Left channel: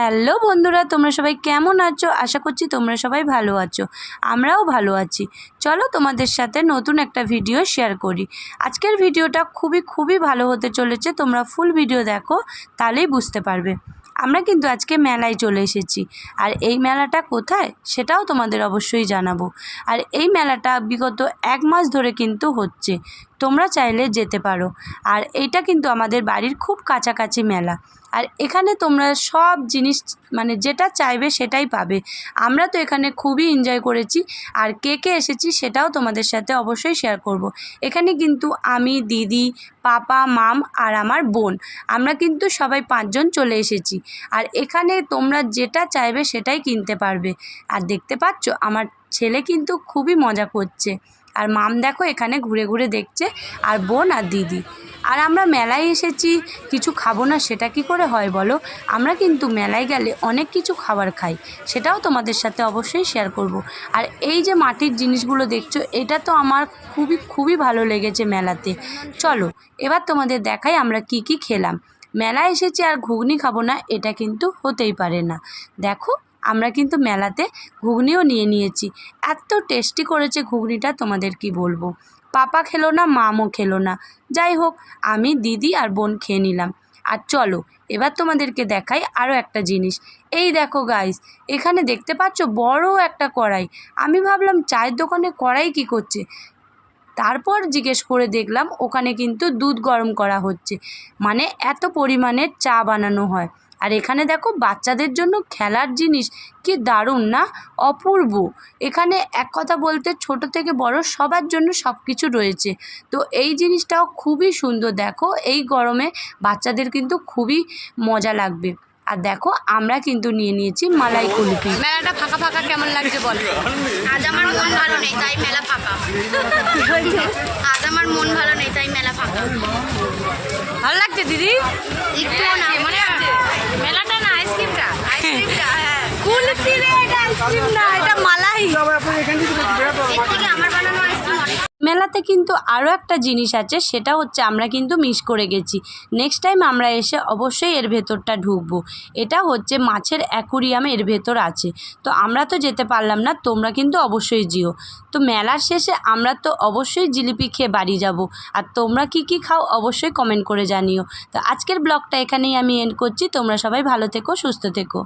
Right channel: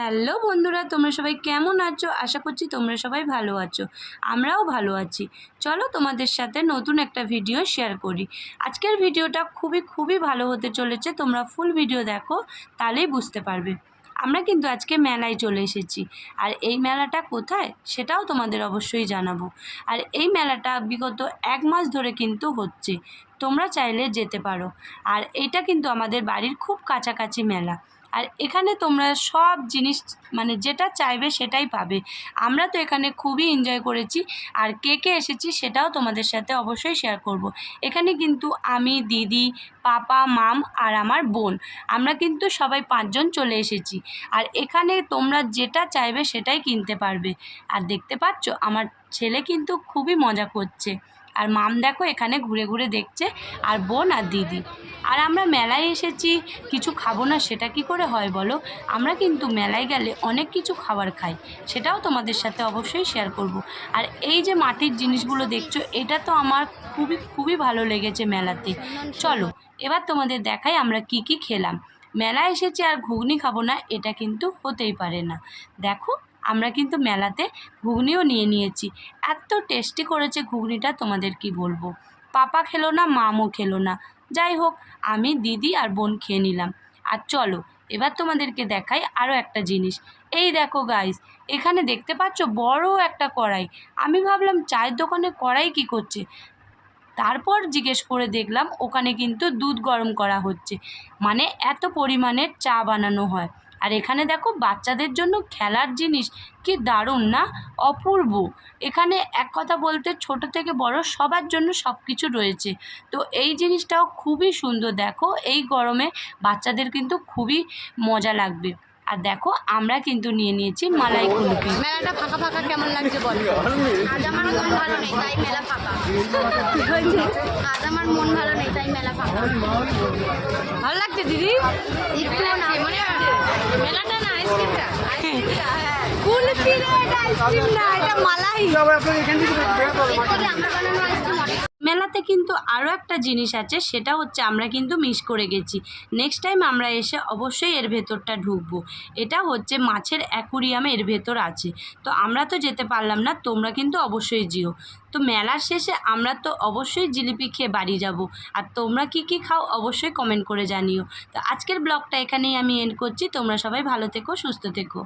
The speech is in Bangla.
হ্যালো বন্ধুরা, তোমরা সবাই কেমন আছো? আশা করছি তোমরা সবাই ভালো আছো। আমরাও ভালো আছি। চলো তোমাদের সাথে নতুন একটা ভিডিও শেয়ার করি। আজকের ভিডিওটা খুবই খুবই ভালো হতে চলেছে। তোমরা ফুল ভিডিও দেখো, তাহলেই বুঝতে পারবে। আমরা কিন্তু আজকে মেলায় চলে এসেছি। আর এই মেলাটা কোথায়, সেটাও তোমাদের অবশ্যই জানাব। আর এই মেলাটা বিগত এক মাস ধরে কিন্তু হচ্ছে। তোমরা চাইলে যেতে পারো। আর এইটা কিন্তু আমাদের বাড়ির খুব কাছাকাছি মেলা। আর এখানে তোমরা সব জিনিস মানে যেটা চাইবে সেটাই পাবে। আমরা তো এখানে খুবই এনজয় করেছি, আর কে কে এসেছি সেটাও তোমাদের সাথে অবশ্যই শেয়ার করব। এখানে কিন্তু আমি, দিদি, পাপা, মাম আর আমার বোন। আমরা কিন্তু সবাই পাঁচজন চলে এসেছি। আর এখানে তোমরা যেটা চাইবে সেটাই কিনতে পারবে। আর দেখতে পাচ্ছ, আমার ছেলে কিন্তু খুবই মজা করছে। আর মাম দেখো এখানে ঘুরে ঘুরে দেখছে, আর বোন আর দিদি। আর আমরা মেলায় এসেছি, কিছু খাব না, সেটা কি করে হয় বলো? আমরা কিন্তু মেলায় গেলে অনেক কিছু খাবার খাই, সেটাও তোমাদের সাথে অবশ্যই শেয়ার করব। আর এই যে মাটির জিনিসগুলো দেখছ, এটা তো আমার খুবই খুবই ভালো লেগেছে মেলাতে। চলো, এবার তোমাদের দেখাই আমরা কি কি খেলাম। মেলায় এসেছি আর ঘুগনি খাব না, এটা কিন্তু হতেই পারে না। দেখো আমরা কিন্তু মেলাতে ঘুগনিও নিয়ে নিয়েছি। এত টেস্টি করেছে ঘুগনিটা, তোমাদের কি বলব? পাপা খেলো না মামও খেলো না। যাই হোক, আমি, দিদি আর বোন খেয়ে নিলাম। আর চলো, এবার তোমাদেরকে দেখাই আরও একটা জিনিস। এই দেখো গাইস এখানে দেখতে পাচ্ছ বড় একটা কড়াই। আমি ভাবলাম, চায়ের দোকানে কড়াই কি করছে? তারপর জিজ্ঞেস করে দেখলাম, ওখানে কিন্তু দুধ গরম করা হচ্ছে। মানে এত পরিমাণের চা বানানো হয়। আর এখানে দেখো বাচ্চাদের জন্য খেলার জিনিস, কি দারুণ না? অপূর্ব। এখানে এক কথা বলতে ছোট থেকে বড় সবার জন্য সব কিছু রয়েছে। তো এই জিনিসটাও খুবই সুন্দর। দেখো এই গরমে বাচ্চাদের কিন্তু খুবই মজা লাগবে। আর দেখো আমরা কিন্তু নিয়ে নিয়েছি মালাই কুলফি। মেলাটা ফাঁকা ফাঁকা কেমন লাগছে বল? আজ আমার মন ভালো নেই তাই মেলা ফাঁকা। আজ আমার মন ভালো নেই তাই মেলা ফাঁকা। ভালো লাগছে দিদি? মানে মেলাটা না আইসক্রিমটা? আইসক্রিমটা হ্যাঁ কুলফি রে এটা আইসক্রিম না এটা মালাই এর থেকে আমার বানানো আইসক্রিম অনেক মেলাতে কিন্তু আরও একটা জিনিস আছে, সেটা হচ্ছে আমরা কিন্তু মিস করে গেছি। নেক্সট টাইম আমরা এসে অবশ্যই এর ভেতরটা ঢুকবো। এটা হচ্ছে মাছের অ্যাকুরিয়াম এর ভেতর আছে। তো আমরা তো যেতে পারলাম না, তোমরা কিন্তু অবশ্যই যেও। তো মেলার শেষে আমরা তো অবশ্যই জিলিপি খেয়ে বাড়ি যাব। আর তোমরা কি কি খাও অবশ্যই কমেন্ট করে জানিও। তো আজকের ব্লগটা এখানেই আমি এন্ড করছি। তোমরা সবাই ভালো থেকো, সুস্থ থেকো।